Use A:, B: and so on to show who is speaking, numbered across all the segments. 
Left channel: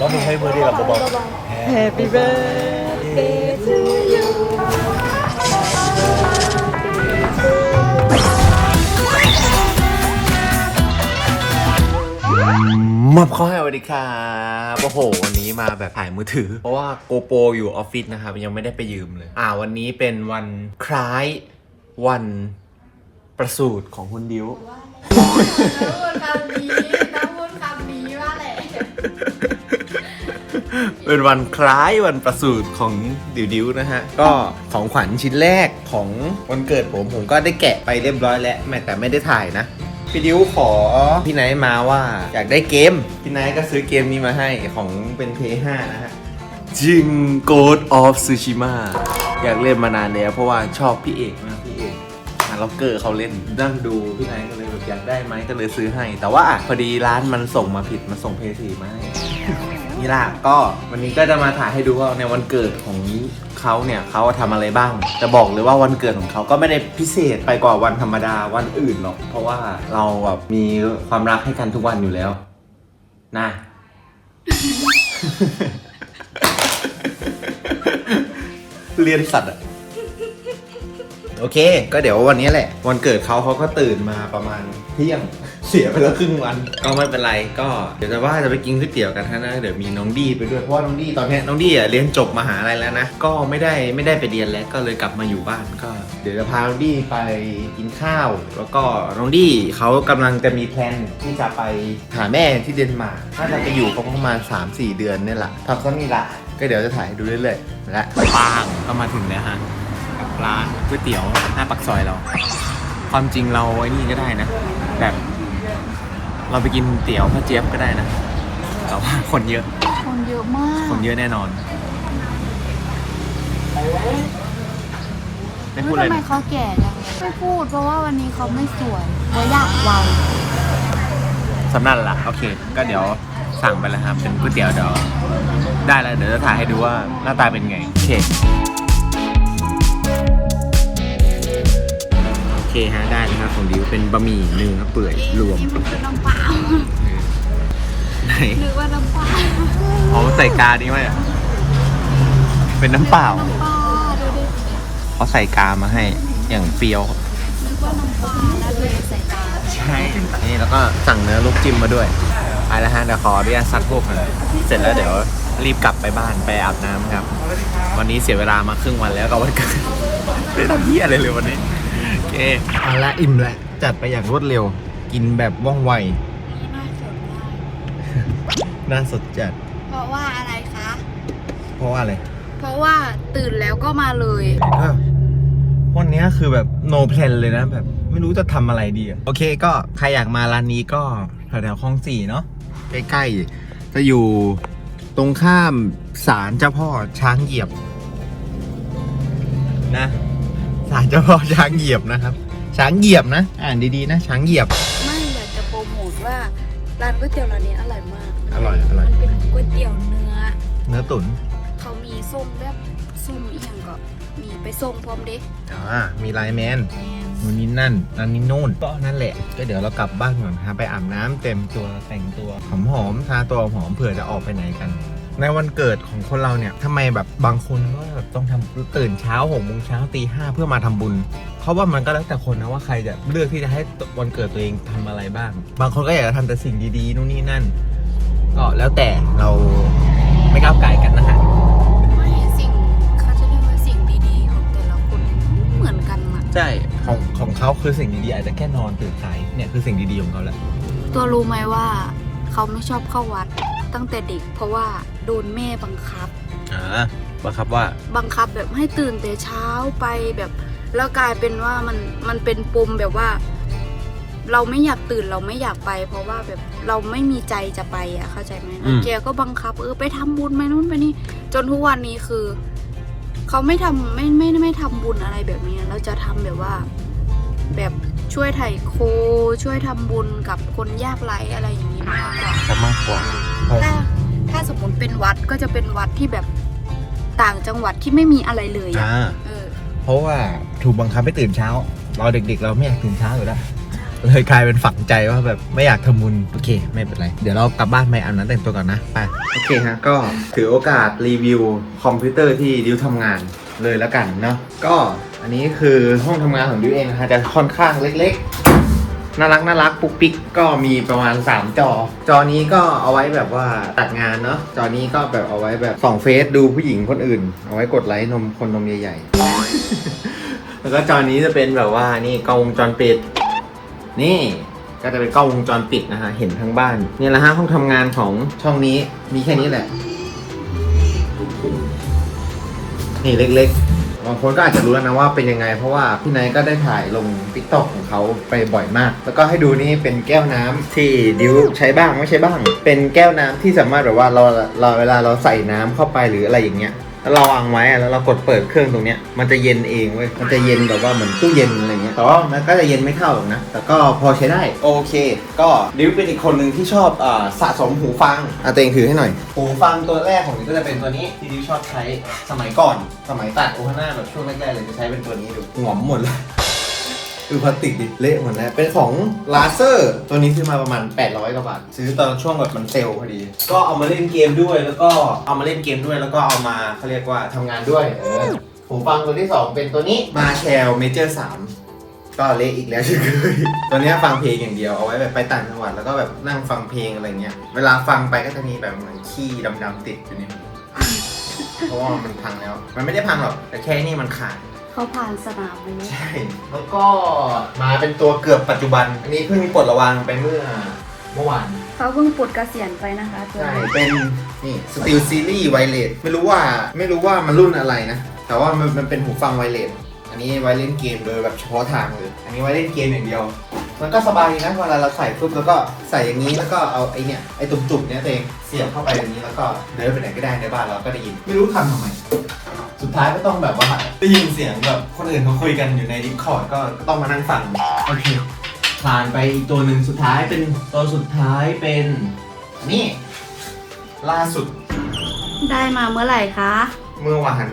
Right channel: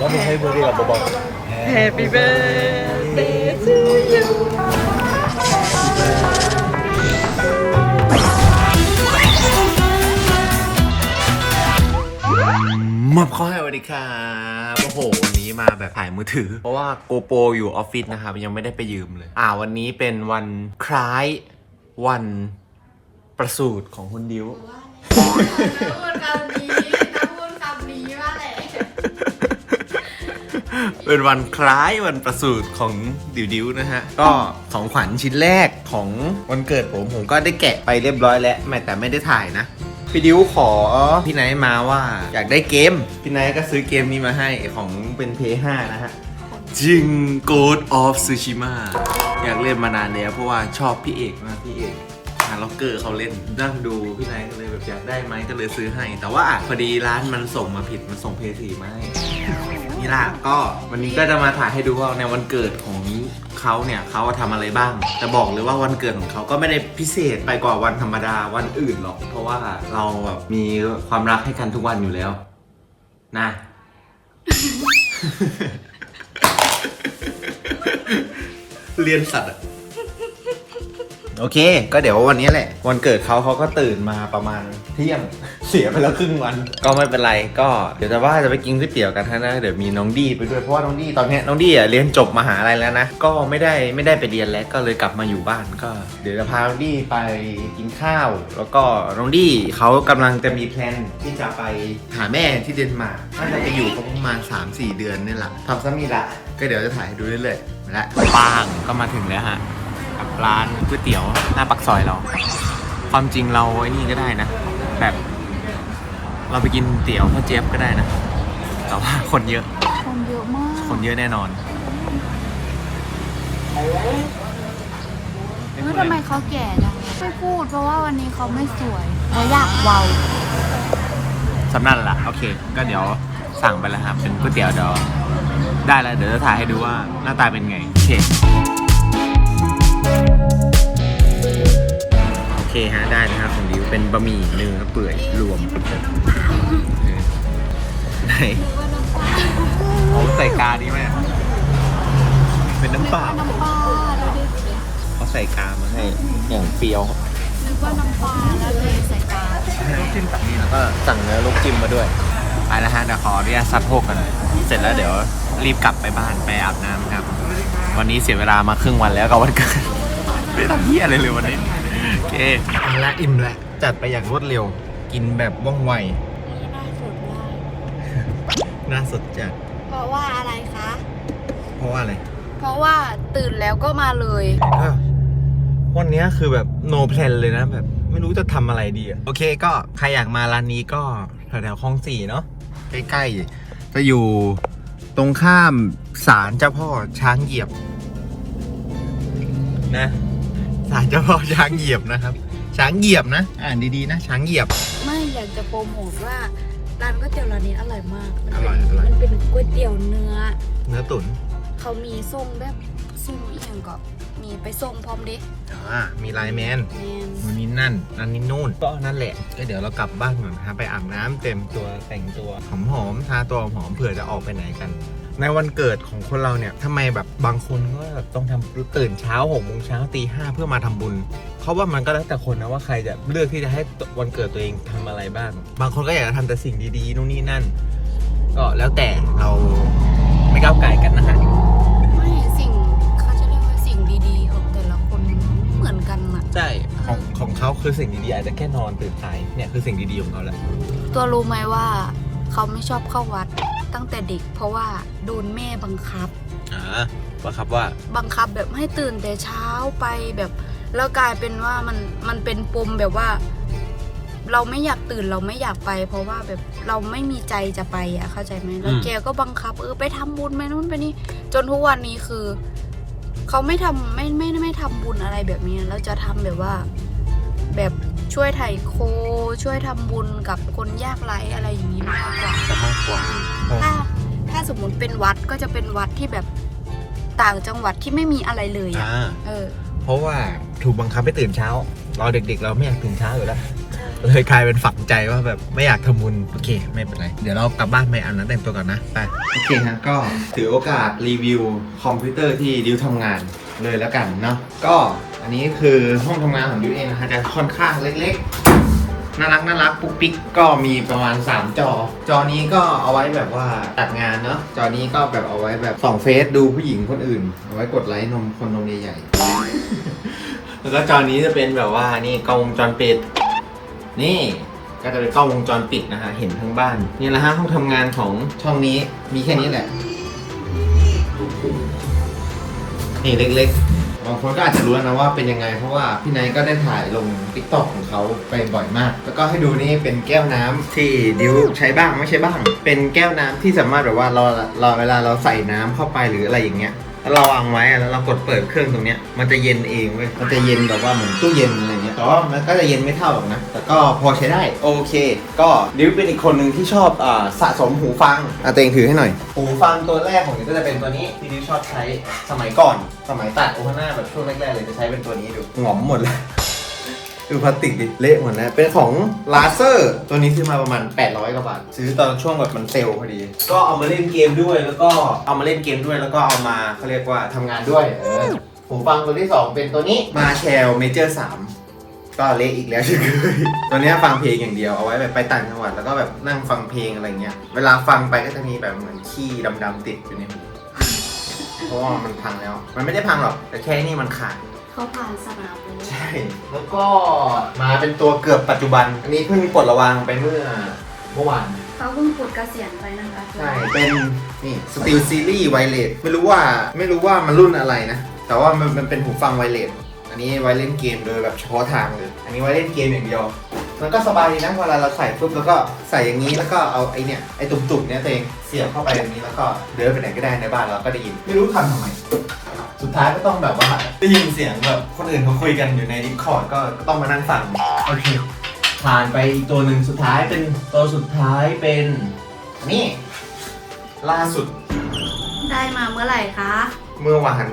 A: ก็ไม่ใช่เบอร์เดียวกับเบา
B: Happy birthday to you
A: ๆมับเข้าให้สวัสดีครับโอ้โห วันนี้มาแบบถ่ายมือถือ เพราะว่าโกโปรอยู่ออฟฟิศนะครับ ยังไม่ได้ไปยืมเลย อ่า วันนี้เป็นวันคล้ายวันประสูติของคุณดิว
C: พูดคำนี้
A: เป็นวันคล้ายวันประสูติของดิวดิวนะฮะ ก็ของขวัญชิ้นแรกของวันเกิดผมผมก็ได้แกะไปเรียบร้อยแล้วไม่แต่ไม่ได้ถ่ายนะพี่ดิวขอพี่ไนท์มาว่าอยากได้เกม พี่ไนท์ก็ซื้อเกมนี้มาให้ของเป็น P5 นะฮะจิง Ghost of Tsushima อยากเล่นมานานแล้วเพราะว่าชอบพี่เอกมากพี่เอกฮาร์ล็อกเกอร์เขาเล่นนั่งดูพี่ไนท์ก็เลยแบบอยากได้ไหมก็เลยซื้อให้ แต่ว่าพอดีร้านมันส่งมาผิดมันส่งเพย์สีมาให้ นี่ล่ะก็วันนี้ก็จะมาถ่ายให้ดูว่าในวันเกิดของเขาเนี่ยเขาทำอะไรบ้าง จะบอกเลยว่าวันเกิดของเขาก็ไม่ได้พิเศษไปกว่าวันธรรมดาวันอื่นหรอก เพราะว่าเราแบบมีความรักให้กันทุกวันอยู่แล้ว นะ เรียนสัตว์อะ โอเค ก็เดี๋ยววันนี้แหละ วันเกิดเขาเขาก็ตื่นมาประมาณเที่ยง เสียไปแล้วครึ่งวัน ก็ไม่เป็นไร ก็เดี๋ยวจะว่าจะไปกินก๋วยเตี๋ยวกันนะเดี๋ยวมีน้องดีไปด้วย เพราะว่าน้องดีตอนนี้น้องดีอะเรียนจบมหาลัยแล้วนะ ก็ไม่ได้ไม่ได้ไปเรียนแล้ว ก็เลยกลับมาอยู่บ้าน ก็ เดี๋ยวจะพาน้องดีไปกินข้าว แล้วก็น้องดีเขากำลังจะมีแพลนที่จะไปหาแม่ที่เดนมาร์ก น่าจะไปอยู่ประมาณ 3-4 เดือนนี่แหละทำซะมีละ ก็เดี๋ยวจะถ่ายให้ดูเรื่อยๆและป้างก็มาถึงแล้วฮะ ร้านก๋วยเตี๋ยวหน้าปักซอยเรา ความจริงเราไอ้นี่ก็ได้นะ แบบ เราไปกินเตี๋ยวพ่อเจี๊ยบก็ได้นะ แต่ว่าคนเยอะ
C: คนเยอะมาก
A: คนเยอะแน่นอนไม่
C: เฮ้ย
A: พูด
C: ทำ
A: เลย
C: ไม
A: นะ
C: เขาแก่จังเลยไม่พูดเพราะว่าวันนี้เขาไม่สวยเขาอยากเวา
A: สำนันละโอเค ก็เดี๋ยวสั่งไปแล้วครับเป็นก๋วยเตี๋ยวเดี๋ยวได้แล้วเดี๋ยวจะถ่ายให้ดูว่าหน้าตาเป็นไงโอเค เคฮะได้นะฮะของดิวเป็นบะหมี่เนื้อเปื่อยรวม
C: นึกว่าน้ำเปล่า
A: ไหน
C: นึกว่าน้ำเปล่า
A: เขาใส่กาดีไหมอะเป็นน้ำเปล่า
C: น้ำปลาดูดิ
A: เขาใส่กามาให้ อย่างเปรี้ยว
C: นึกว่าน้ำปลาแล้วเทใส่จาน
A: ใช่นี่แล้วก็สั่งเนื้อลูกจิ้มมาด้วยไปแล้วฮะเดี๋ยวขออนุญาตซัดโพกกันเสร็จแล้วเดี๋ยวรีบกลับไปบ้านไปอาบน้ำครับ วันนี้เสียเวลามาครึ่งวันแล้วกับวันเกิดไม่ได้ทำเหี้ยอะไรเลยวันนี้โอ เคเอาละอิ่มละจัดไปอย่างรวดเร็ว กินแบบว่องไว
C: น่าสนมาก
A: น่าสดจัด
C: เพราะว่าอะไรคะ
A: เพราะว่าอะไร
C: เพราะว่าตื่นแล้วก็มาเลย
A: อะวันนี้คือแบบ no plan เลยนะแบบ ไม่รู้จะทำอะไรดีอะโอเคก็ใครอยากมาร้านนี้ก็แถวๆคลองสี่เนาะใกล้ๆจะอยู่ตรงข้ามศาลเจ้าพ่อช้างเหยียบ นะ ศาลเจ้าพ่อช้างเหยียบนะครับ ช้างเหยียบนะ อ่านดีๆนะ ช้างเหยียบ
C: ไม่อยากจะโปรโมทว่าร้านก๋วยเตี๋ยวร้านนี้อร่อยมาก
A: อร่อยอร่อย
C: มันเป็นก๋วยเตี๋ยวเนื้อ
A: เนื้อตุ๋น
C: เขามีส้มแบบส้มอีหยังก็มีไปส้มพร้อมเด็ก
A: อ่ามีไลน์แมนนู่นนี่นั่นอันนี้นู่นก็นั่นแหละก็เดี๋ยวเรากลับบ้านก่อนครับไปอาบน้ำเต็มตัวแต่งตัวหอมหอมๆทาตัวหอมๆเผื่อจะออกไปไหนกัน ในวันเกิดของคนเราเนี่ยทำไมแบบบางคนก็แบบต้องทำตื่นเช้าหกโมงเช้าตีห้าเพื่อมาทำบุญ เพราะว่ามันก็แล้วแต่คนนะว่าใครจะเลือกที่จะให้วันเกิดตัวเองทำอะไรบ้าง บางคนก็อยากจะทำแต่สิ่งดีๆนู่นนี่นั่น ก็แล้วแต่เราไม่ก้าวไก่กันนะฮะ
C: ไม่สิ่งเขาจะเรียกว่าสิ่งดีๆของแต่ละคนไม่เหมือนกันอะ
A: ใช่ของของเขาคือสิ่งดีๆอาจจะแค่นอนตื่นสายเนี่ยคือสิ่งดีๆของเขาแหละ
C: ตัวรู้ไหมว่าเขาไม่ชอบเข้าวัด ตั้งแต่เด็ก เพราะว่าโดนแม่บังคับ
A: อ่าบังคับว่า
C: บังคับแบบให้ตื่นแต่เช้าไปแบบ แล้วกลายเป็นว่ามันมันเป็นปมแบบว่า เราไม่อยากตื่นเราไม่อยากไป เพราะว่าแบบเราไม่มีใจจะไปอะเข้าใจไหมแล้ว
A: อืม
C: แกก็บังคับ เออไปทำบุญไปนู่นไปนี่ จนทุกวันนี้คือเขาไม่ทำไม่ไม่ไม่ทำบุญอะไรแบบนี้แล้วจะทำแบบว่า แบบ ช่วยไถ่โคช่วยทำบุญกับคนยากไร้อะไรอย่างนี้มากกว่า
A: มากกว่า
C: ถ้าถ้าสมมติเป็นวัดก็จะเป็นวัดที่แบบต่างจังหวัดที่ไม่มีอะไรเลยอะเออ
A: เพราะว่าถูกบังคับให้ตื่นเช้า เราเด็กๆ เราไม่อยากตื่นเช้าอยู่แล้ว
C: ใช่
A: เลยกลายเป็นฝังใจว่าแบบไม่อยากทำบุญโอเค ไม่เป็นไร เดี๋ยวเรากลับบ้านไปอาบน้ำแต่งตัวก่อนนะไปโอเคฮะก็ถือโอกาสรีวิวคอมพิวเตอร์ที่ดิวทำงานเลยแล้วกันเนาะก็ อันนี้คือห้องทำงานของดิวเองนะฮะจะค่อนข้างเล็กๆ น่ารักน่ารักปุ๊กปิ๊กก็มีประมาณ 3 จอ จอนี้ก็เอาไว้แบบว่าตัดงานเนาะจอนี้ก็แบบเอาไว้แบบส่องเฟซดูผู้หญิงคนอื่น เอาไว้กดไลค์นมคนนมใหญ่ๆแล้วก็จอนี้จะเป็นแบบว่านี่กล้องวงจรปิด นี่ก็จะเป็นกล้องวงจรปิดนะฮะเห็นทั้งบ้านนี่แหละฮะห้องทำงานของช่องนี้มีแค่นี้แหละนี่เล็กๆ บางคนก็อาจจะรู้แล้วนะว่าเป็นยังไง เพราะว่าพี่ไนท์ก็ได้ถ่ายลงติ๊กต็อกของเขาไปบ่อยมาก แล้วก็ให้ดูนี่เป็นแก้วน้ำที่ดิวใช้บ้างไม่ใช้บ้าง เป็นแก้วน้ำที่สามารถแบบว่าเราเราเวลาเราใส่น้ำเข้าไปหรืออะไรอย่างเงี้ย แล้วเราวางไว้อะแล้วเรากดเปิดเครื่องตรงเนี้ยมันจะเย็นเองเว้ย มันจะเย็นแบบว่าเหมือนตู้เย็นอะไรเงี้ยแต่ว่ามันก็จะเย็นไม่เท่าหรอกนะ แต่ก็พอใช้ได้ โอเค ก็ดิวเป็นอีกคนหนึ่งที่ชอบอ่าสะสมหูฟัง อะเตงถือให้หน่อย หูฟังตัวแรกของดิวก็จะเป็นตัวนี้ที่ดิวชอบใช้สมัยก่อน สมัยตัดโอฮาน่าแบบช่วงแรกๆเลยจะใช้เป็นตัวนี้ดูหงอมหมดเลย ดูพลาสติกดิเละหมดแล้ว เป็นของลาเซอร์ตัวนี้ซื้อมาประมาณ 800กว่าบาท ซื้อตอนช่วงแบบมันเซลล์พอดี ก็เอามาเล่นเกมด้วย แล้วก็เอามาเล่นเกมด้วย แล้วก็เอามาเขาเรียกว่าทำงานด้วยเออหูฟังตัวที่ 2 เป็นตัวนี้มาแชลเมเจอร์3ก็เละอีกแล้วเช่นเคยตัวเนี้ยฟังเพลงอย่างเดียวเอาไว้แบบไปต่างจังหวัดแล้วก็แบบนั่งฟังเพลงอะไรเงี้ย เวลาฟังไปก็จะมีแบบเหมือนขี้ดำๆติดอยู่ในหูเพราะว่ามันพังแล้ว มันไม่ได้พังหรอกแต่แค่นี่มันขาด
C: เขาผ่านสนามเลย
A: ใช่ แล้วก็มาเป็นตัวเกือบปัจจุบัน อันนี้เพิ่งปลดระวางไปเมื่อเมื่อวาน
C: เขาเพิ่งปลดเกษียณไปนะคะตัว
A: ใช่
C: นี้
A: เป็นนี่สตีลซีรีส์ไวเลสไม่รู้ว่าไม่รู้ว่ามันรุ่นอะไรนะ แต่ว่ามันมันเป็นหูฟังไวเลสอันนี้ไว้เล่นเกมโดยแบบเฉพาะทางเลย อันนี้ไว้เล่นเกมอย่างเดียว มันก็สบายดีนะเวลาเราใส่ปุ๊บแล้วก็ใส่อย่างนี้แล้วก็เอาไอเนี่ยไอตุ่มๆเนี้ยตัวเองเสียบเข้าไปอย่างนี้แล้วก็เดินไปไหนก็ได้ในบ้านเราก็ได้ยิน ไม่รู้ทำทำไม สุดท้ายก็ต้องแบบว่าได้ยินเสียงแบบคนอื่นเขาคุยกันอยู่ในดิสคอร์ดก็ก็ต้องมานั่งฟังโอเคผ่านไปอีกตัวหนึ่งสุดท้ายเป็นตัวสุดท้ายเป็นนี่ล่าสุด
C: ได้มาเมื่อไหร่คะ
A: เมื่อวาน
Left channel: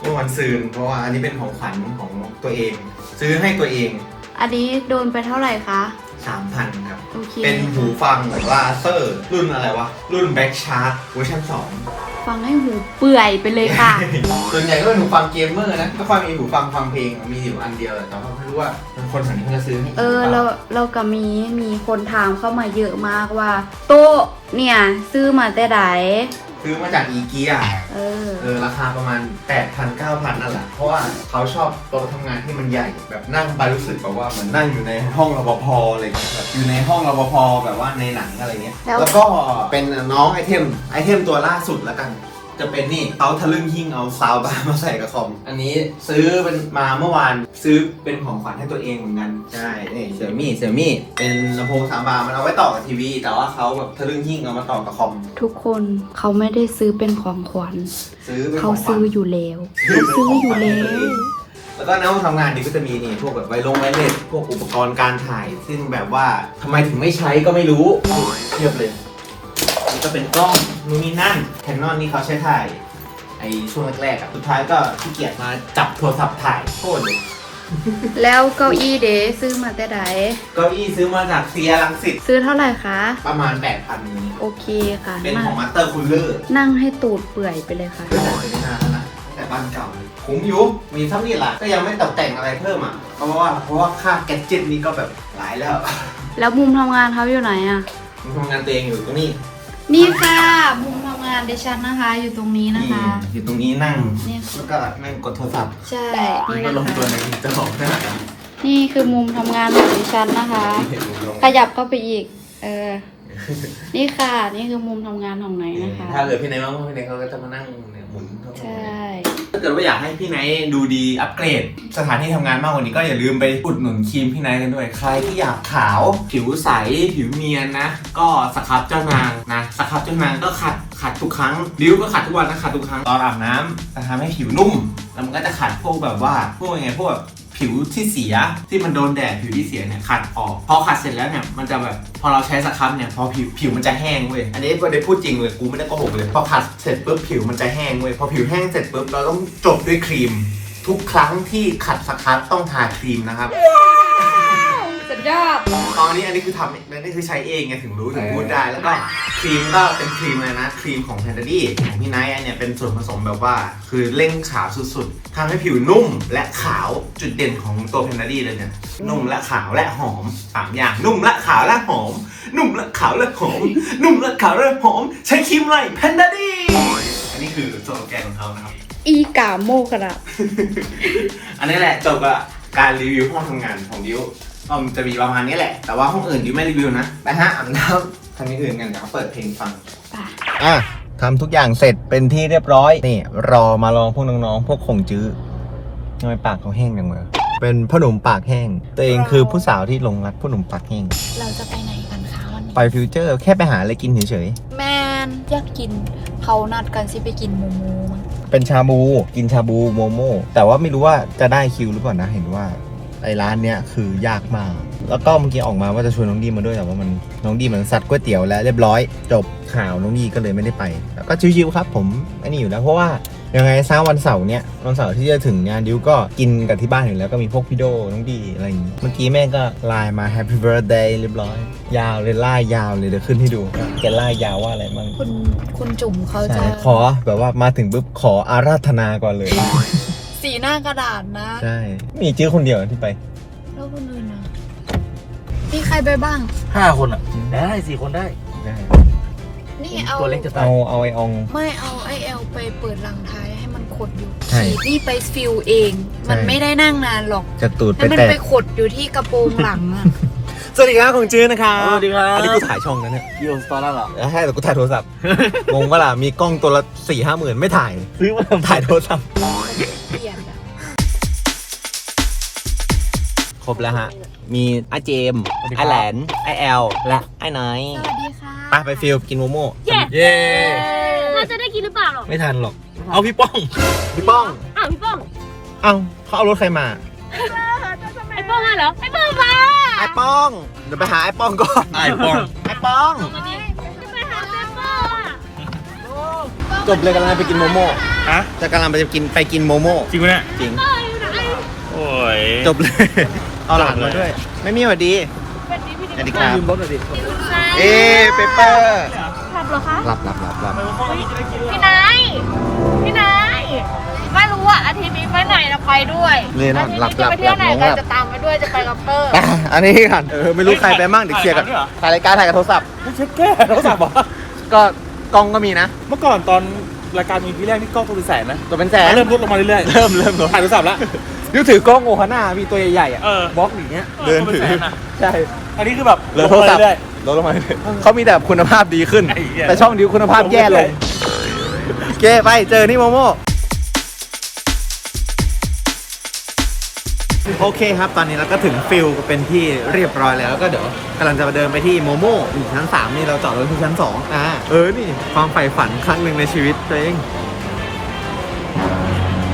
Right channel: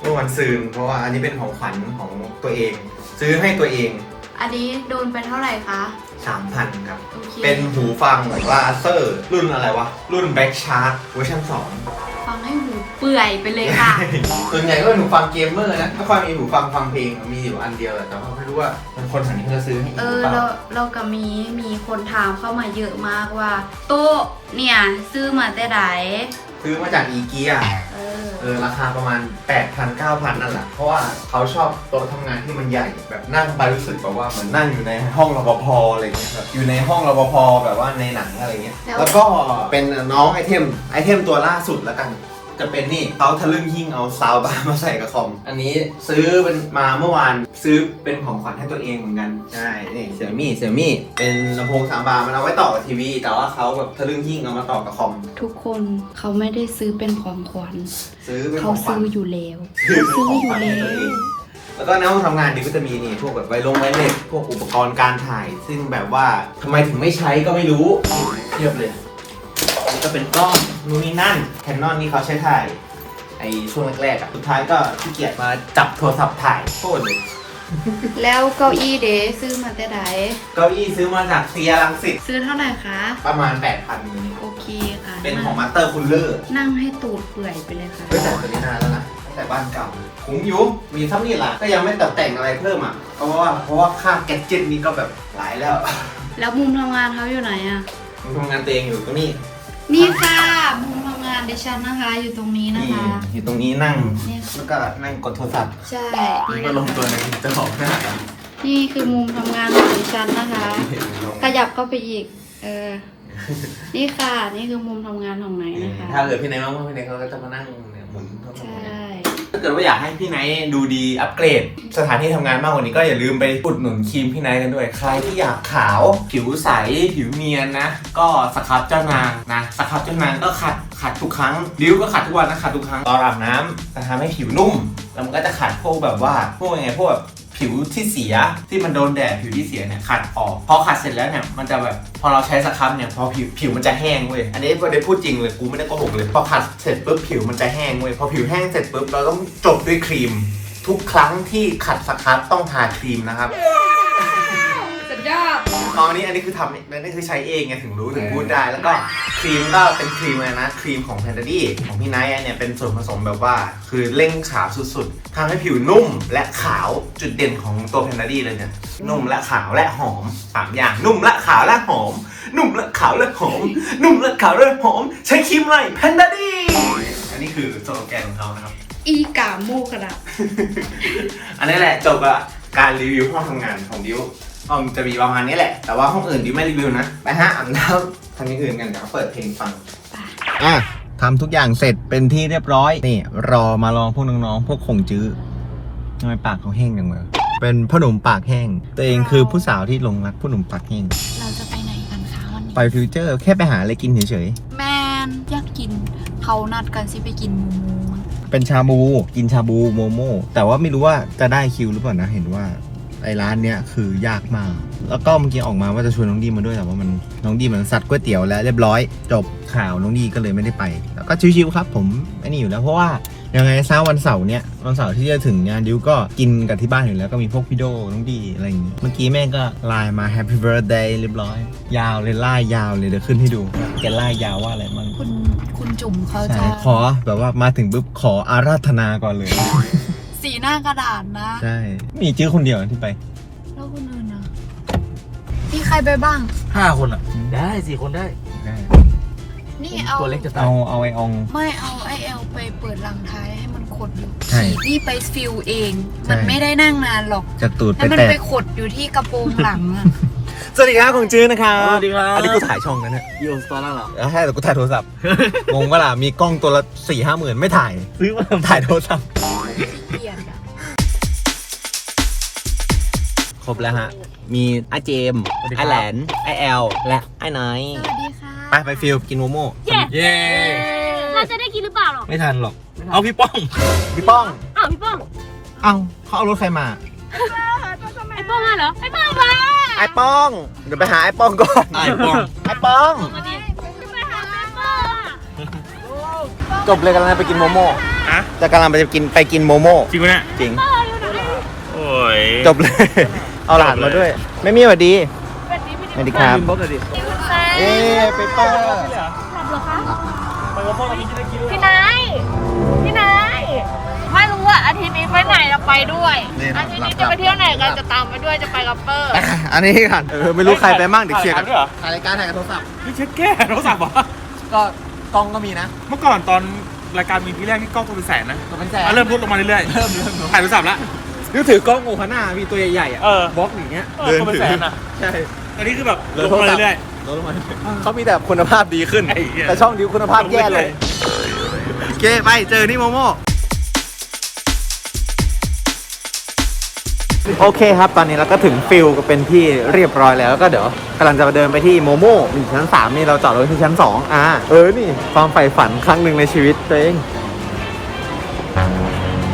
A: เมื่อวันซืนเพราะว่าอันนี้เป็นของขวัญของตัวเอง ซื้อให้ตัวเอง
C: อันนี้โดนไปเท่าไหร่คะ
A: 3,000 ครับ
C: โอเค
A: เป็นหูฟังแบบว่าเซอร์รุ่นอะไรวะ รุ่นแบ็กชาร์ t เวอร์ชัน2
C: ฟังให้หูเปื่อยไปเลยค่ะ
A: ส่วนใหญ่ก็เป็นหูฟังเกมเมอร์นะถ้าฟังมีหูฟังฟังเพลงมีอยู่อันเดียวแหละแต่ว่าไม่รู้ว่าคนแถวนี้เขาจะซื้อให้อีก
C: เอ
A: หรือ
C: อ
A: เปล่า
C: เราเราก็มีมีคนถามเข้ามาเยอะมากว่า โต๊ะเนี่ย ซื้อมาแต่ไหน
A: ซื้อมาจากอีเกีย
C: เออ
A: เออราคาประมาณ 8,000 9,000 นั่นแหละ เพราะว่าเขาชอบโต๊ะทำงานที่มันใหญ่แบบนั่งไปรู้สึกแบบว่าเหมือนนั่งอยู่ในห้องรปภอะไรเงี้ยแบบอยู่ในห้องรปภแบบว่าในหนังอะไรเงี้ย
C: แล้ว
A: แล้วก็เป็นน้องไอเทมไอเทมตัวล่าสุดแล้วกัน จะเป็นนี่เขาทะลึ่งหิ้งเอาซาวบาร์มาใส่กับคอม อันนี้ซื้อเป็นมาเมื่อวานซื้อเป็นของขวัญให้ตัวเองเหมือนกัน ใช่ นี่เสี่ยมี่เสี่ยมี่เป็นลำโพงสามบาร์มันเอาไว้ต่อกับทีวี แต่ว่าเขาแบบทะลึ่งหิ้งเอามาต่อกับคอม
C: ทุกคนเขาไม่ได้ซื้อเป็นของขวัญ
A: ซื้อเป็นข
C: เขา
A: องขวัญ
C: ซื้ออยู่แล้วเขาซื้ออยู่แล้ว
A: แล้วก็ในห้องทำงานนี่ก็จะมีนี่พวกแบบไวลงไวเล็ตพวกอุปกรณ์การถ่าย ซึ่งแบบว่าทำไมถึงไม่ใช้ก็ไม่รู้เทียบเลยนี่ ก็เป็นกล้องนู่นนี่นั่นแคนนอนนี่เขาใช้ถ่ายไอช่วงแรกๆอะสุดท้ายก็ขี้เกียจมาจับโทรศัพท์ถ่ายโคตรเลย
C: แล้วเก้าอี้เดซื้อมาแต่ไหน
A: เก้าอี้ซื้อมาจากเซียรังสิต
C: ซื้อเท่าไหร่คะ
A: ประมาณ 8,000นี้
C: โอเคค่ะ
A: เป็น
C: นั่
A: ของ
C: ง
A: มาสเตอร์คูลเลอร์
C: นั่งให้ตูดเปื่อยไปเลยค่ะ
A: ตั้งแต่ซื้อนานแล้วนะตั้งแต่บ้านเก่าคุ้มอยู่มีซ้ำนี่แหละก็ยังไม่ตัดแต่งอะไรเพิ่มอะเพราะว่าเพราะว่าค่าแกดเจ็ตนี่ก็แบบหลายแล้ว
C: แล้วมุมทำงานเขาอยู่ไหนอะ
A: ผมทำงานตัวเองอยู่ตรงนี้
C: นี่ค่ะมุมทำงานดิฉันนะคะ อยู่ตรงนี้นะ
A: นี่
C: คะ
A: อยู่ตรงนี้นั่ง
C: เนี่ย
A: แล้วก็นั่งกดโทรศัพท์
C: ใช่
A: แล้ว
C: นี่
A: ก็
C: นะ
A: ลงตัว
C: คะ
A: ในจะบอกหน้า
C: นี่คือมุมทำงานของดิฉันนะคะ ขยับเข้าไปอีก เออ นี่ค่ะ นี่คือมุมทำงานของไหนนะคะ
A: ถ้าเกิดพี่ไนท์ว่างๆพี่ไนท์เขาก็จะมานั่งเนี่ยหมุนทั่วๆ
C: ใช่
A: ถ้าเกิดว่าอยากให้พี่ไนท์ดูดีอัปเกรด สถานที่ทำงานมากกว่านี้ก็อย่าลืมไปอุดหนุนครีมพี่ไนท์กันด้วย ใครที่อยากขาว ผิวใส ผิวเนียนนะ ก็สครับเจ้านางนะสครับเจ้านางก็ขัดขัดทุกครั้งริ้วก็ขัดทุกวันนะขัดทุกครั้งตอนอาบน้ำจะทำให้ผิวนุ่มแล้วมันก็จะขัดพวกแบบว่าพวกยังไงพวกแบบ ผิวที่เสียที่มันโดนแดดผิวที่เสียเนี่ยขัดออกพอขัดเสร็จแล้วเนี่ยมันจะแบบพอเราใช้สครับเนี่ยพอผิวผิวมันจะแห้งเว้ยอันนี้ไม่ได้พูดจริงเลยกูไม่ได้โกหกเลยพอขัดเสร็จปุ๊บผิวมันจะแห้งเว้ยพอผิวแห้งเสร็จปุ๊บเราต้องจบด้วยครีม ทุกครั้งที่ขัดสครับต้องทาครีมนะครับ
C: สุดยอด
A: ตอนนี้อันนี้คือทำอันนี้คือใช้เองไงถึงรู้ถึงพูดได้ แล้วก็ครีมก็เป็นครีมอะไรนะครีมของแพนด a ดี้ของพี่ไนท์อันเนี่ยเป็นส่วนผสมแบบว่า คือเร่งขาวสุดๆทำให้ผิวนุ่มและขาวจุดเด่นของตัวแพนด a ดี้เลยเนี่ยนุ่มและขาวและหอมสามอย่างนุ่มและขาวและหอม นุ่มและขาวและหอม นุ่มและขาวและหอม ใช้ครีมอะไรแพนด a ดี้อันนี้คือสโลแกนของเขานะครับ
C: อีกาโมกระ
A: อันนี้แหละจบกับการรีวิวห้องทำงานของดิว ก็จะมีประมาณนี้แหละ แต่ว่าห้องอื่นดิวไม่รีวิวนะ ไปฮะอาบน้ำทางนี้อื่นกันเดี๋ยวเปิดเพลงฟัง อะทำทุกอย่างเสร็จเป็นที่เรียบร้อย นี่ รอมาลองพวกน้องๆ พวกคงจื้อทำไมปากเขาแห้งจังเลยเป็นพ่อหนุ่มปากแห้ง ตัวเองคือผู้สาวที่หลงรักพ่อหนุ่มปากแห้ง
C: เราจะไปไหนกันคะวันนี้
A: ไปฟิวเจอร์ แค่ไปหาอะไรกินเฉย
C: แมนอยากกินเขานัดกันสิไปกินโมโม
A: ๆเป็นชาบู กินชาบูโมโม่แต่ว่าไม่รู้ว่าจะได้คิวหรือเปล่านะ เห็นว่า ไอ้ร้านเนี้ยคือยากมาก แล้วก็เมื่อกี้ออกมาว่าจะชวนน้องดีมาด้วยแต่ว่ามันน้องดีเหมือนสัตว์ก๋วยเตี๋ยวแล้วเรียบร้อยจบข่าวน้องดีก็เลยไม่ได้ไป แล้วก็ชิวๆครับผมอันนี้อยู่แล้วเพราะว่ายังไงซะวันเสาร์เนี้ยวันเสาร์ที่จะถึงเนี่ยดิวก็กินกับที่บ้านอยู่แล้วก็มีพวกพี่โดน้องดีอะไรอย่างงี้เมื่อกี้แม่ก็ไลน์มา Happy Birthday เรียบร้อย ยาวเลยไล่ยาวเลยเดี๋ยวขึ้นให้ดูว่าแกไล่ยาวว่าอะไรบ้าง
C: คุณคุณจุ๋มเขา
A: ใช่
C: จะ
A: ขอแบบว่ามาถึงปุ๊บขออาราธนาก่อนเลย
C: สีหน้ากระดาษนะ
A: ใช่ มีจื้อคนเดียวที่ไป
C: แล้วคนอื่นนะมีใครไปบ้าง
B: ห้าคนอะ ได้สี่คนได้
A: ได้
C: นี่เอา
B: ตัวเล็กจะตาย
A: เอาเอาไอออง
C: ไม่เอาไอเอลไปเปิดรังท้ายให้มันขดอยู่
A: ใช่
C: นี่ไปฟิลเองมัน
A: ใช่
C: ไม่ได้นั่งนานหรอก
A: จะตูดไป
C: ให้มัน
A: แตะ
C: ไปขดอยู่ที่กระโปรงหลังอะ
A: สวัสดีครับของจื้อนะครับ
B: สวัสดีครับ
A: อันนี้กูถ่ายช่องนะเนี่ย
B: ยูสตอร์เหรอ
A: แล้วให้แต่กูถ่ายโทรศัพท์ งงปะล่ะมีกล้องตัวละสี่ห้าหมื่นไม่ถ่าย
B: ซื้อมา
A: ถ่ายโทรศัพท์ ครบแล้วฮะ มีอาเจมส์ไอแหลนไอแอล และไอ้น้อย
C: สวัสดีค่ะ
A: ไปไปฟิลกินโมโม่
B: เย้
D: เราจะได้กินหรือเปล่าหรอก
A: ไม่ทันหรอก
B: เอาพี่ป้อง
A: พี่ป้อง
D: อ้าวพี่ป้อง
A: เอ้าเขาเอารถใครมา
D: ไอ้ป้องอะเหรอไอ้ป้องมา
A: ไอ้ป้อง เดี๋ยวไปหาไอ้ป้องก่อน
B: ไอ้ป้อง
A: ไอ้ป้อง
D: มาดิไปหาแม่ป้อง
A: จบเลยกำลังไปกินโมโม่
B: ฮะ
A: จะกำลังไปกินไปกินโมโม่
B: จริงปะเนี่ย
A: จริง
B: โอ้ย
A: จบเลย เอาหลานมาด้วย ไม่มีสวัสดี
D: เป็นนี้พี่
A: สวัสดีครับ
B: ลืมรถเลยดิ
A: เอ๊เปเปอร์หลับหลับหลับหลับ
D: พี่นายพี่นายไม่รู้ว่าอาทิตย์นี้ไปไหนเราไปด้วย
A: นี่นะ
D: อาทิตย์
A: หลับ
D: นี้
A: หลั
D: จะ
A: บ
D: ไปเที่ยวไหน
A: หลั
D: กับนจะตามไปด้วยจะไปกับเปอร์
A: อะอันนี้กันเออไม่รู้ใครไปบ้างเดี๋ยวเคลียร์กันถ่ายรายการถ่ายกับโทรศัพท์
B: ไม่เช็ดแก้โทรศัพท์เหรอ
A: ก็กล้องก็มีนะ
B: เมื่อก่อนตอนรายการมีที่แรกนี่กล้องตัวเป็นแสนนะ
A: ตัวเป็นแสน
B: เริ่มลดลงมาเรื่อยๆ
A: เริ่มเริ่ม
B: ถ่ายโทรศัพท์ละ
A: นึกถือกล้องโอฮาน่าพี่ตัวใหญ่ๆอะ
B: เออ
A: บล็อกอย่างเงี้ย
B: เออ
A: เดินถือ
B: ตัวเป็นแสนอะ
A: ใช่
B: อันนี้คือแบบลงมาเรื่อย
A: ลดลงมาเรื่อยๆเขามีแต่คุณภาพดีขึ้น
B: ไอ้เหี้ย
A: แต่ช่องดิวคุณ
B: ๆ
A: ภาพ
B: ลง
A: แย่
B: เรื่
A: เล
B: อย
A: ยโอเคไปเจอนี่โมโม่โอเคครับ ตอนนี้เราก็ถึงฟิลเป็นที่เรียบร้อยแล้วแล้วก็เดี๋ยวกำลังจะเดินไปที่โมโม่อยู่ชั้น 3 นี่เราจอดรถที่ชั้น 2 อ่า เออ นี่ ความใฝ่ฝันครั้งหนึ่งในชีวิตตัวเอง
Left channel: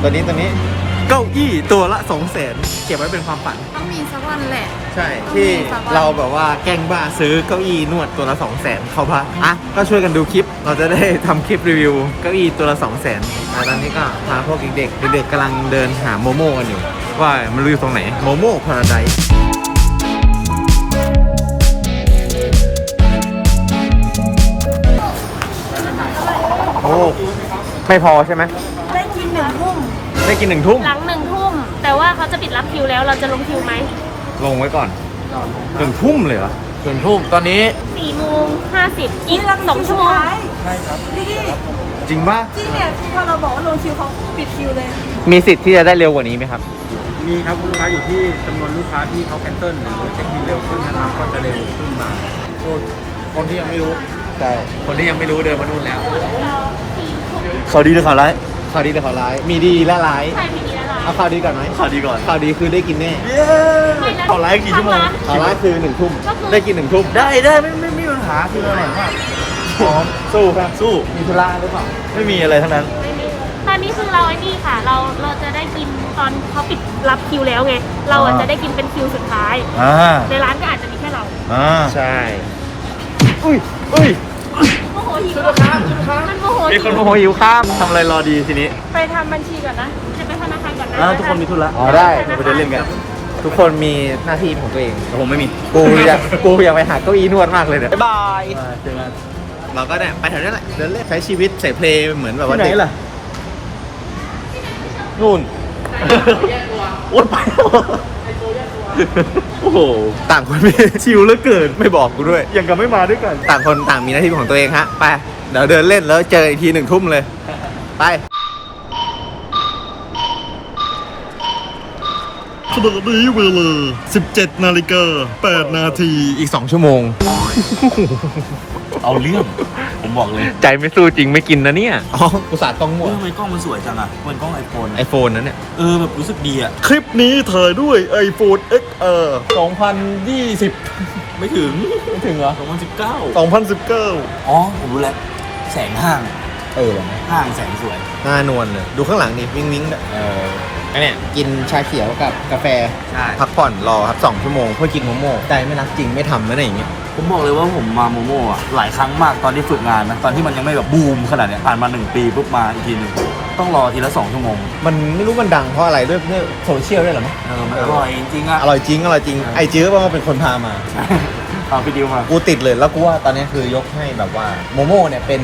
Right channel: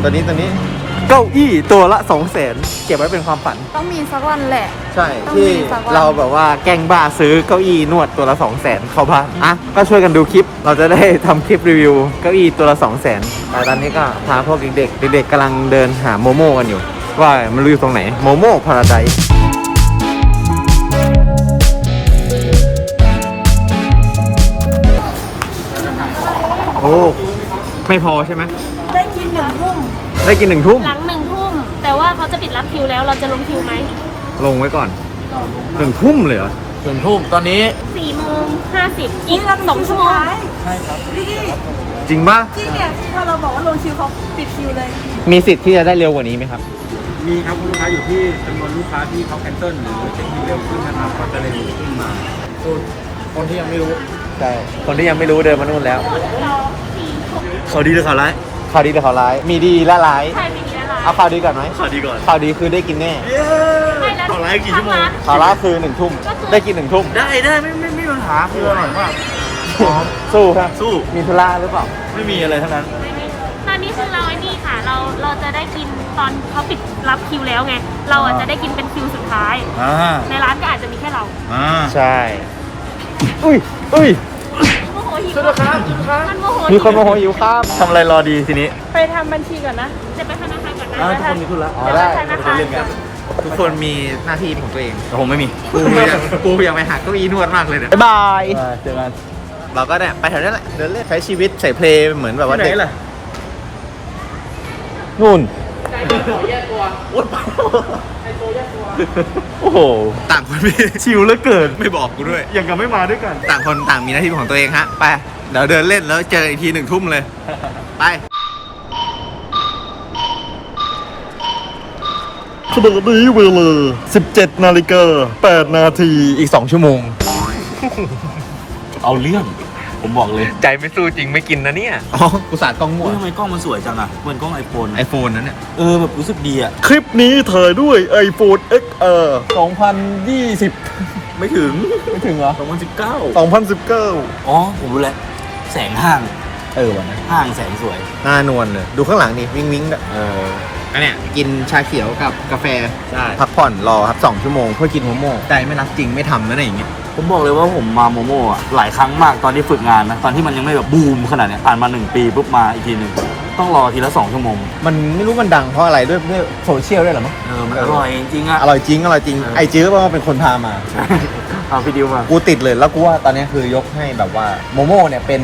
A: ตอนนี้ตอนนี้ เก้าอี้ตัวละ2 0 0 0 0 0เก็บไว้เป็นความฝัน
C: ต้องมีสักวันแหละ
A: ใช่
C: ต้อง
A: ที่
C: มีสักวัน
A: เราแบบว่าแกล้งบ้าซื้อเก้าอี้นวดตัวละ2 0 0 0 0 0เข้าบ้านอะก็ช่วยกันดูคลิป เราจะได้ทำคลิปรีวิวเก้าอี้ตัวละ2 0 0 0 0 0แต่ตอนนี้ก็พาพวกเด็กๆเด็กๆกำลังเดินหาโมโม่กันอยู่ ว่ามันรู้อยู่ตรงไหนโมโม่พาราได โอ้ ไม่พอใช่ไหม
D: ได้กินหนึ่งทุ่ม
A: ได้กินหนึ่งทุ่ม
D: หลังหนึ่งทุ่ม แต่ว่าเขาจะปิดรับคิวแล้วเราจะลงคิวไหม
A: ลงไว้ก่อนหนึ่งทุ่มเลยเหรอ
B: หนึ่งทุ่มตอนนี้
D: สี่โมงห้าสิบอีกสองชั่วโมง
A: จริงป่ะ
C: ที่เนี่ยพอเราบอกว่าลงคิวเขาปิดคิวเลย
A: มีสิทธิ์ที่จะได้เร็วกว่านี้ไหมครับ
E: มีครับคุณลูกค้าอยู่ที่จำนวนลูกค้าที่เขาแคนเซิลหรือเช็คบินเร็วขึ้นนะครับก็จะเร็วขึ้นมาส่วนคนที่ยังไม่รู้
A: ใช่คนที่ยังไม่รู้เดินมานู่นแล้วข่าวดีหรือข่าวร้าย ข่าวดีหรือข่าวร้าย มีดีและร้าย
D: ใช่ไม่มีแล้วล่ะ
A: เอาข่าวดีก่อนไหมข่าวดีก่อนข่าวดีคือได้กินแน่
D: ไม่แล้วทางร้าน
A: ข่าวร้ายคือหนึ่งทุ่ม
D: ก็คือ
A: ได้กินหนึ่งทุ่ม
E: ได้ได้ไม่ไม่ไม่มีปัญหาคืออร่อยมาก
A: พร้อม
E: สู้ครับสู้
A: มีธุระหรือเปล่า
E: ไม่มีอะไรทั้งนั้น
D: ตอนนี้คือเราไอ้นี่ค่ะ เราเราจะได้กินตอนเขาปิดรับคิวแล้วไง เราอะจะได้กินเป็นคิวสุดท้าย
E: อ่า
D: ในร้านก็อาจจะมีแค่เรา
E: อ่า
A: ใช่ อุ้ยอุ้ย
D: โมโหหิวอะมันโมโห
A: มีคนโมโหหิวข้าม
E: ทำอะไรรอดีทีนี้
D: ไปทำบัญชีก่อนนะจะไปธนาคารก่อน
E: ร้าน
D: นะ
E: ทุกคนมีธุระไปเดินเล่นกัน
A: ทุกคนมีหน้าที่ของตัวเอง
B: ผมไม่มี
A: กูอยากกูอยากไปหาเก้าอี้นวดมากเลยเนี่ยบ๊ายบาย
E: เจอกัน
A: เราก็เนี่ยไปแถวนั้นแหละเดินเล่นใช้ชีวิตใส่เพลงเหมือนแบบว่า
B: ที่ไหนล่ะนู่นโอ๊ยไป โอ้โห
A: ต่างคนไม่
B: ชิวเหลือเกิน
A: ไม่บอกกูด้วย
B: ยังกับไม่มาด้วยกัน
A: ต่างคนต่างมีหน้าที่ของตัวเองฮะ ไป เดี๋ยวเดินเล่นแล้วเจออีกทีหนึ่งทุ่มเลย ไป
B: ขณะนี้เวลา17 นาฬิกา8นาที
A: อีก 2 ชั่วโมง
B: เอาเรื่อง ผมบอกเลย
A: ใจไม่สู้จริงไม่กินนะเนี่ยอ๋ออุตส่าห์กล้องมั่ว
B: ทำไมกล้องมันสวยจังอะเหมือนกล้องไอโฟน
A: ไอโฟนนั้นเนี่ย
B: เออแบบรู้สึกดีอะ
F: คลิปนี้ถ่ายด้วย iPhone XR 2020
B: ไม่ถึง
F: ไม่ถึงเหรอ
B: 2019
F: 2019
B: อ๋อ ผมรู้แล้ว แสงห้าง
A: เออว่ะ
B: ห้างแสงสวย
A: หน้านวลเลย ดูข้างหลังดิวิงวิงๆเอออันเนี้ยกินชาเขียวกับกาแฟ
B: ใช่
A: พักผ่อนรอครับ 2 ชั่วโมงเพื่อกินโมโม่ใจไม่รักจริงไม่ทำแล้วเนี่ยอย่างเงี้ย
B: ผมบอกเลยว่าผมมาโมโม่อะหลายครั้งมากตอนที่ฝึกงานนะ ตอนที่มันยังไม่แบบบูมขนาดเนี้ยผ่านมาหนึ่งปีปุ๊บมาอีกทีหนึ่งต้องรอทีละสองชั่วโมง
A: มันไม่รู้มันดังเพราะอะไรด้วยด้วยโซเชียลด้วยเหรอมั้ง
B: เออมันอร่อยจริงๆอะ
A: อร่อยจริงอร่อยจริงไอจื้อว่าเป็นคนพามา
B: เอาพี่ดิวมา
A: กูติดเลยแล้วกูว่าตอนนี้คือยกให้แบบว่าโมโม่เนี่ยเป็น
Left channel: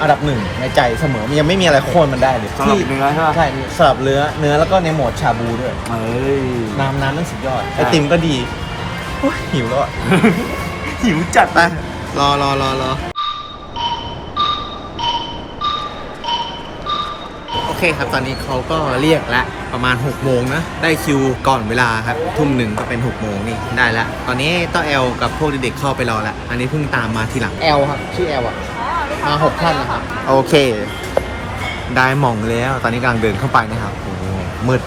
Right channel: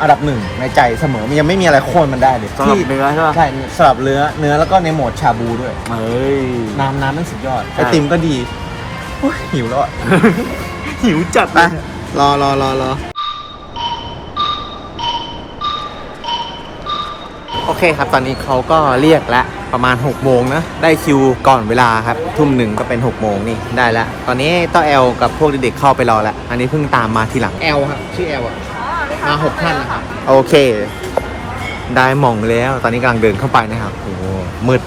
A: อันดับหนึ่งในใจเสมอมันยังไม่มีอะไรโค่นมันได้เลย
B: สำหรับเนื้อใช่ปะ
A: ใช่สลับเนื้อเนื้อแล้วก็ในโหมดชาบูด้วย
B: เฮ้ย
A: น้ำน้ำนั่นสุดยอด
B: ใช่
A: ไอติมก็ดีโอ้ยหิวแล้วอะ
B: หิวจัด
A: ไปรอรอรอรอโอเคครับตอนนี้เขาก็เรียกแล้วประมาณ6โมงนะได้คิวก่อนเวลาครับทุ่มหนึ่งก็เป็น6โมงนี่ได้แล้วตอนนี้ต้อแอลกับพวกเด็กๆเข้าไปรอแล้วอันนี้เพิ่งตามมาทีหลังแอลครับชื่อแอลอะมาหกท่านนะครับโอเค ได้หมองแล้ว ตอนนี้กำลังเดินเข้าไปนะครับโอ้โหมืด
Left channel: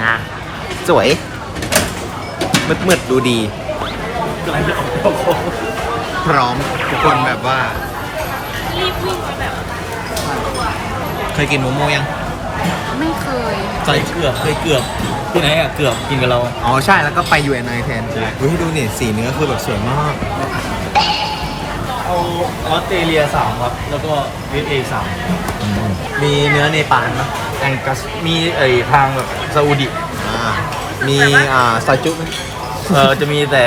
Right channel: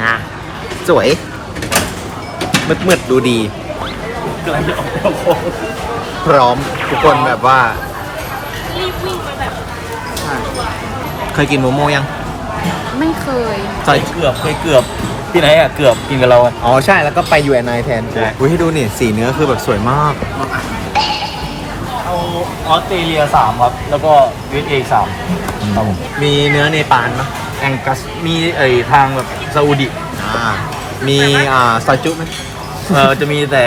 A: งาสวยมืดมืดๆดู ดี
B: กำลังจะออกเข้าโค้ง
A: พร้อมทุกคนแบบว่า
D: รีบวิ่งไปแบบ
A: เคยกินโมโมยัง
C: ไม่เคย
B: เคยเกือบเคยเกือบที่ไหนอะเกือบกินกับเราอะ
A: อ๋อใช่แล้วก็ไปยูแอนไอแทนกูอุ้ยให้ดูนี่สีเนื้อคือแบบสวยมาก
B: เอาออสเตรเลียสามครับ แล้วก็เวสเอสาม
A: มีเนื้อเนปาลเนอะ
B: แองกัสมีไอทางแบบซาอุดิ
A: อ่ามีอ่าซอยจุไหม
B: เออจะมีแต่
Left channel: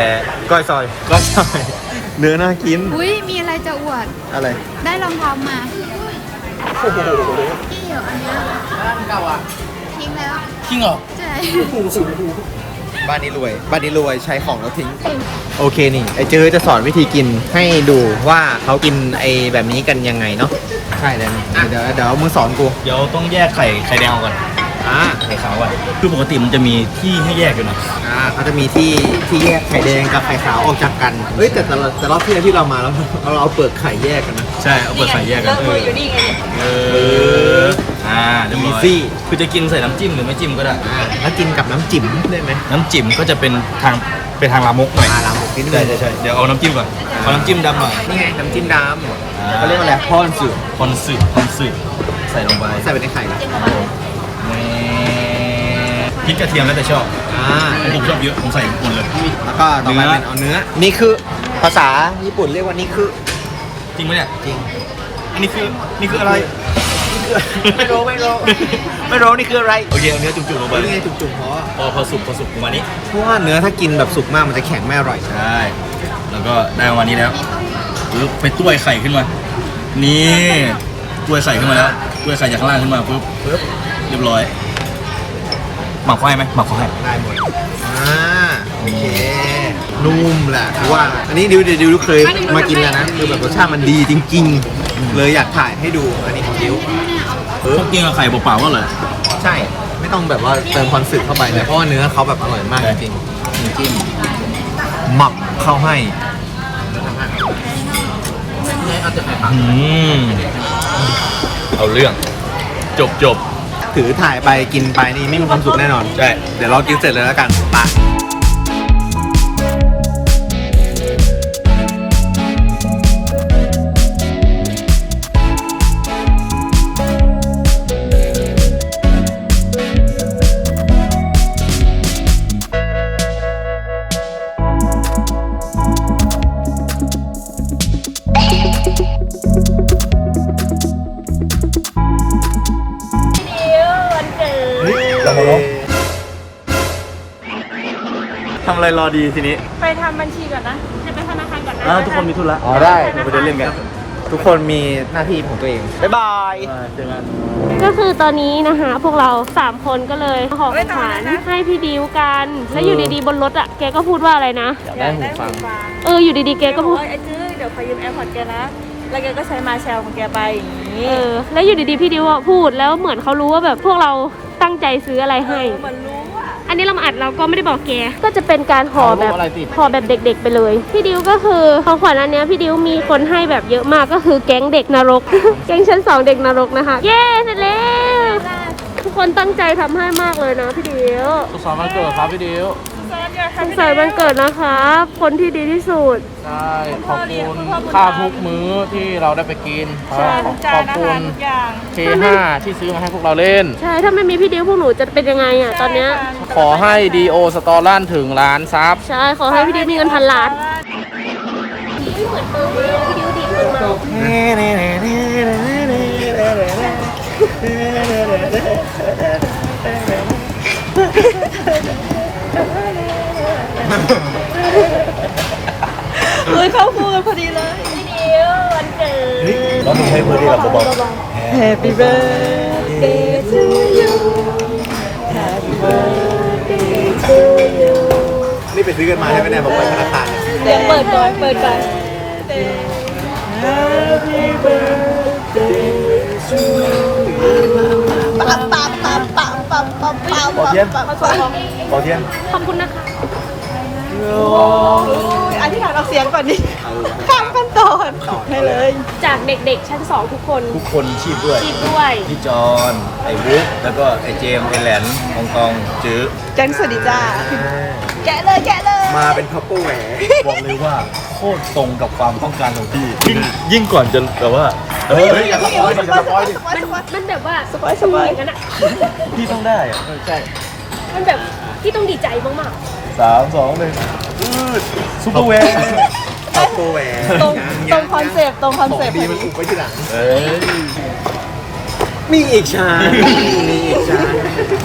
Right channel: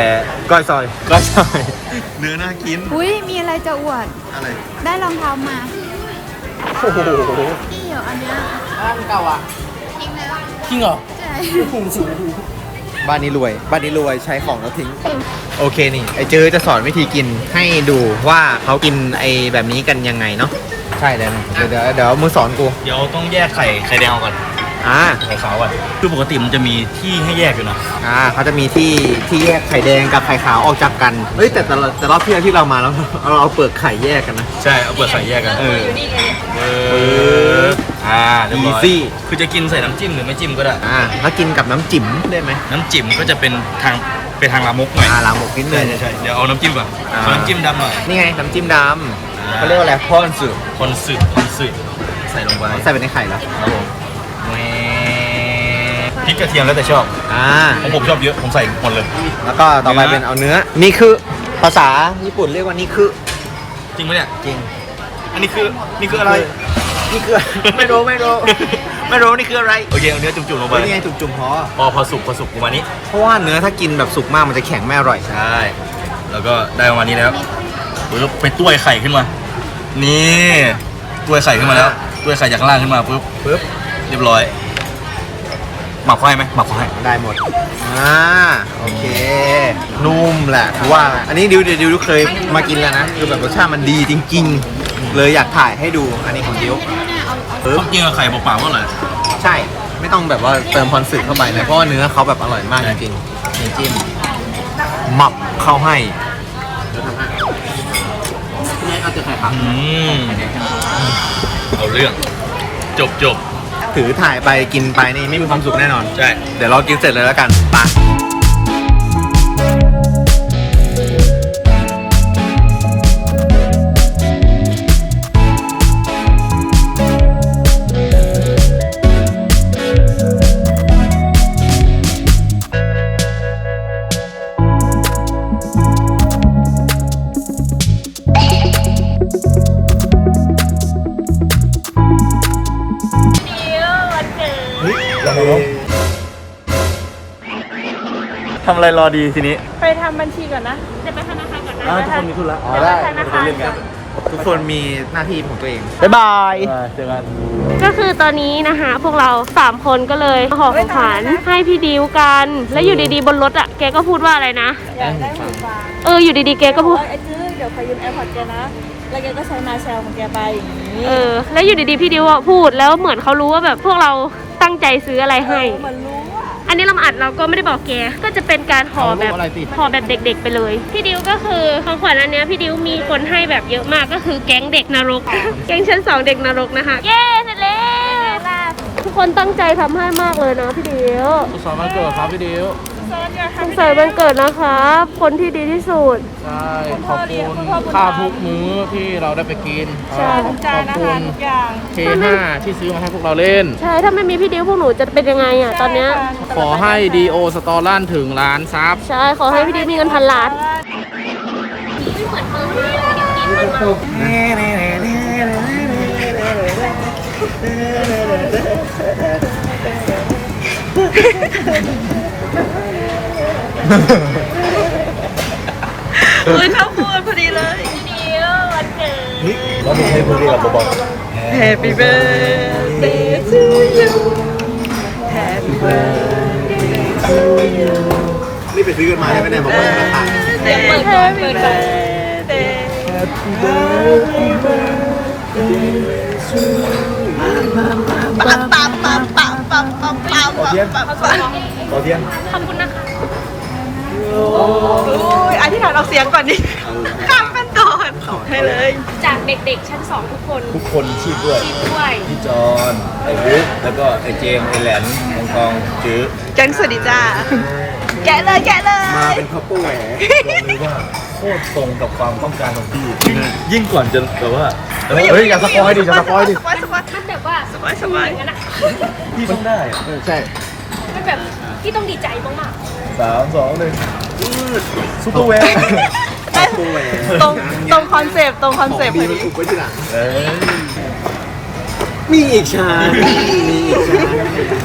A: ก้อยซอย ก้อยซอย เนื้อน่ากิน
C: อุ้ยมีอะไรจะอวด
A: อะไร
C: ได้รองเท้ามานี่เหรออันเนี้ย
A: จริงเหรอบ้านนี้รวย บ้านนี้รวยใช้ของแล้วทิ้ง โอเคนี่ ไอเจอจะสอนวิธีกินให้ดูว่าเขากินไอแบบนี้กันยังไงเนาะ ใช่เลยเดี๋ยวเดี๋ยวเดี๋ยวมึงสอนกู
B: เดี๋ยวต้องแยกไข่ไข่แดงออกก่อน
A: อ่า
B: ไข่ขาวก่อนคือปกติมันจะมีที่ให้แยกอยู่นะ
A: อ่าเขาจะมีที่ที่แยกไข่แดงกับไข่ขาวออกจากกันเฮ้ยแต่แต่เราแต่รอบที่แล้วที่เรามาแล้วเราเอาเปลือกไข่แยกกันนะ
B: ใช่เอาเปลือกไข่แยกกันเออเอออ่าเรียบร้อย
A: Easy
B: คือจะกินใส่น้ำจิ้มหรือไม่จิ้มก็ได้
A: อ่าแล้วกินกับน้ำจิ้มได้ไหม
B: น้ำจิ้มก็จะเป็นทางเป็นทางลามกหน่อย
A: อ่าลาหมกนิดนึ
B: ใช่
A: ง
B: ใช่ใช่เดี๋ยวเอาน้ำจิ้มก่อน
A: อ่า
B: เอาน้ำจิ้มดำหน่อย
A: นี่ไงน้ำจิ้มด
B: อ่าำ
A: เขาเรียกว่าอะไรพอนสึ
B: คอนสึคอนสึใส่ลงไป
A: ใส่ไปในไข่แล้ว
B: ครับผม พริกกระเทียมแล้วแต่ชอบ
A: อ่า
B: ของผมชอบเยอะ ผมใส่หมดเลย
A: แล้วก็ต่อไป
B: เนื้อ
A: เป็นเอาเนื้อ นี่คือภาษาญี่ปุ่นเรียกว่านี่คือ
B: จริงไหมเนี่ย
A: จริง
B: อันนี้คือนี่คืออะไร
A: นี่คือ ไม่รู้ไม่รู้ไม่รู้นี่คืออะไร
B: โอเคเอาเนื้อจุ่มๆลงไป
A: เป็นไงจุ่มๆพอ
B: พอพอสุกพอสุกประมาณนี้
A: เพราะว่าเนื้อถ้ากินแบบสุกมากมันจะแข็งไม่อร่อย
B: ใช่แล้วก็ได้ประมาณนี้แล้วเดี๋ยวไปต้วยไข่ขึ้นมา นี่ต้วยไข่ขึ้นมาแล้วต้วยไข่จากข้างล่างขึ้นมาปุ๊บปุ๊บ เรียบร้อย หมักไฟไหมหมักไฟ
A: ได้หมด อ่า โอเค นุ่มแหละว่า อันนี้ดิวดิวดิวเคยมากินแล้วนะ คือแบบรสชาติมันดีจริง ๆ เลยอยากถ่ายให้ดู อันนี้ของดิว
B: ต้มกินกับไข่เปล่าๆก็เลย
A: ใช่ ไม่ต้องแบบว่าเติมคอนสึเข้าไปเลย เพราะว่าเนื้อเขาแบบอร่อยมากจริง
B: จิ้ม
A: ๆหมับเข้าให้
B: อืมเอาเรื่อง จบจบ
A: ถือถ่ายไปกินไปนี่ไม่มีความสุขแน่นอน
B: ใช่
A: เดี๋ยวเรากินเสร็จเลยแล้วกันไป ทำ
B: อะไรรอดีทีนี้
D: ไปทำบัญชีก่อนนะไปธนาคารก่อนนะ
B: ทุกคนมีธุระไปเล่นกัน
A: ทุกคนมีหน้าที่ของตัวเอง บ๊ายบาย
B: เจอกัน
D: ก็คือตอนนี้นะคะพวกเรา 3 คนก็เลยห่อของขวัญให้พี่ดิวกัน แล้วอยู่ดีๆบนรถอะ แกก็พูดว่าอะไรนะ
G: อยากได้หูฟัง
D: เอออยู่ดีๆแกก็พูด
G: ไอ้จื้อเดี๋ยวขอยืมแอร์พอร์ตแกนะ แล้วแกก็ใช้มาแชลของแกไปอย่างนี้
D: เออ แล้วอยู่ดีๆพี่ดิวพูดแล้วเหมือนเขารู้ว่าแบบพวกเรา ตั้งใจซื้ออะไรให้
G: มันรู้อะ
D: อันนี้เรามาอัดเราก็ไม่ได้บอกแก ก็จะเป็นการห่อแบบห่อแบบเด็ก ๆ ไปเลย พี่ดิวก็คือของขวัญอันเนี้ยพี่ดิวมีคนให้แบบเยอะมากก็คือแก๊งเด็กนรก แก๊งชั้นสองเด็กนรกนะคะ เย้เสร็จแล้วทุกคนตั้งใจทำให้มากเลยนะพี่ดิว
E: สุขสันต์วันเกิดครับพี่ดิว
D: สงสัยวันเกิดนะครับ คนที่ดีที่สุด
E: ใช่ ขอบคุณค่าทุกมื้อที่เราได้ไปกิน
G: ใช่
E: ข
G: ทุ
E: อบ
G: กจานอา
E: คุ
G: หาร
E: ณ
G: ทุกอย่าง
E: K5 ที่ซื้อมาให้พวกเราเล่น
D: ใช่ ถ้าไม่มีพี่ดิวพวกหนูจะเป็นยังไงอะตอนเนี้ย
E: ขอให้ดีโอสตอลั่นถึงล้านซับ
D: ใช่ ขอให้พี่ดิวมีเงินพันล้าน
G: เฮ้ยเข้าพูดพอดีเลย
B: แล้วมึงให้เพื่อนที่เราบอก
G: Happy birthday to you Happy birthday to you
A: นี่ไปซื้อกันมาใช่ไหมเนี่ยผมไปธนาคาร
G: Happy birthday ปั๊บปั๊บปั๊บปั๊บปั๊บปั๊บปั๊บปั๊บปั๊บปั๊บ
B: ขอเทียน
G: โอ้ ยอธิษฐานออกเสียงก่อนดิข้ามขั้นตอนให้เลย
D: จากเด็กๆชั้นสองทุกคน
B: ทุกคนชีพด้วย
D: ด้วย
B: พี่จอนไอ้บุ๊กแล้วก็ไอ้เจมส์ไอ้แหลนมองกองจื้อ
G: แกงสวัสดีจ้า แกะเลยแกะเลย
A: มาเป็นคัพเปอร์แหว
B: บอกเลยว่าโคตรตรงกับความต้องการของพี่ ยิ่งยิ่งก่อนจะแบบว่าเฮ้ย
G: เฮ้ย
B: อย่า
G: ส
B: สปอยดิ
G: ปอย
B: อย่าสปอยดิ
G: สปอยสปอย
D: มันแบบว่า
G: สปอยสปอย
D: งั้นอะ
B: พี่ต้องได้อะใช่
D: มันแบบพี่ต้องดีใจมาก
B: สามสองหนึ่งซุปเปอร์แวร์
A: คัพเปอร์แหว
G: ตรงตรงคอนเซปต์ตรงคอนเซปต์พอดี
A: อุบไว้ที่หลัง
B: เอ้ย
A: มีอีกชานมีอีกชาน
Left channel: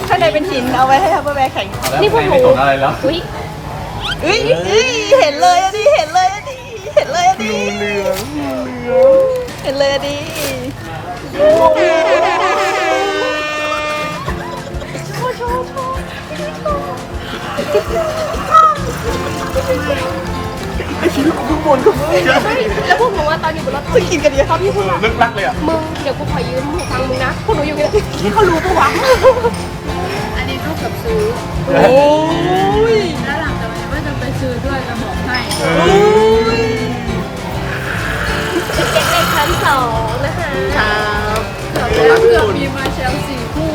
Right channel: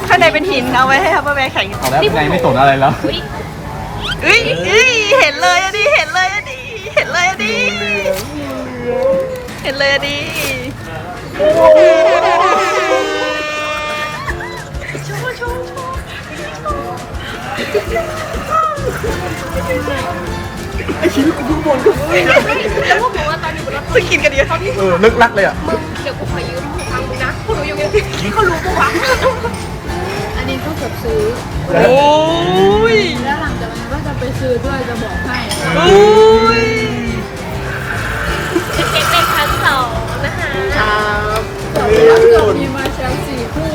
G: ข้างในเป็นหินเอาไว้ให้ทัพเปอร์แวร์แข็ง
B: แล้วใครไม่สนอะไรแล้ว
D: ๆเฮ้ย
G: เอ้ยเอ้ยเห็นเลยอะดิเห็นเลยอะดิเห็นเลยอะดิเห็นเลยอะดิเพิ่งกินกันเยอะ
B: ลึกลักเลยอะ
D: เดี๋ยวกูขอยืมของมึงนะกูยืมเยอะเขารู้ปะวะอันนี้ก็เกือบซื้อ
G: โอ้ย
C: แล้วหลังจากนี้ว่าจะไปซื้อด้วยจะบอกให้
G: โอ้ย
D: เด็กๆชั้นสองนะคะ
C: เกือบมีมาเชลสี่คู่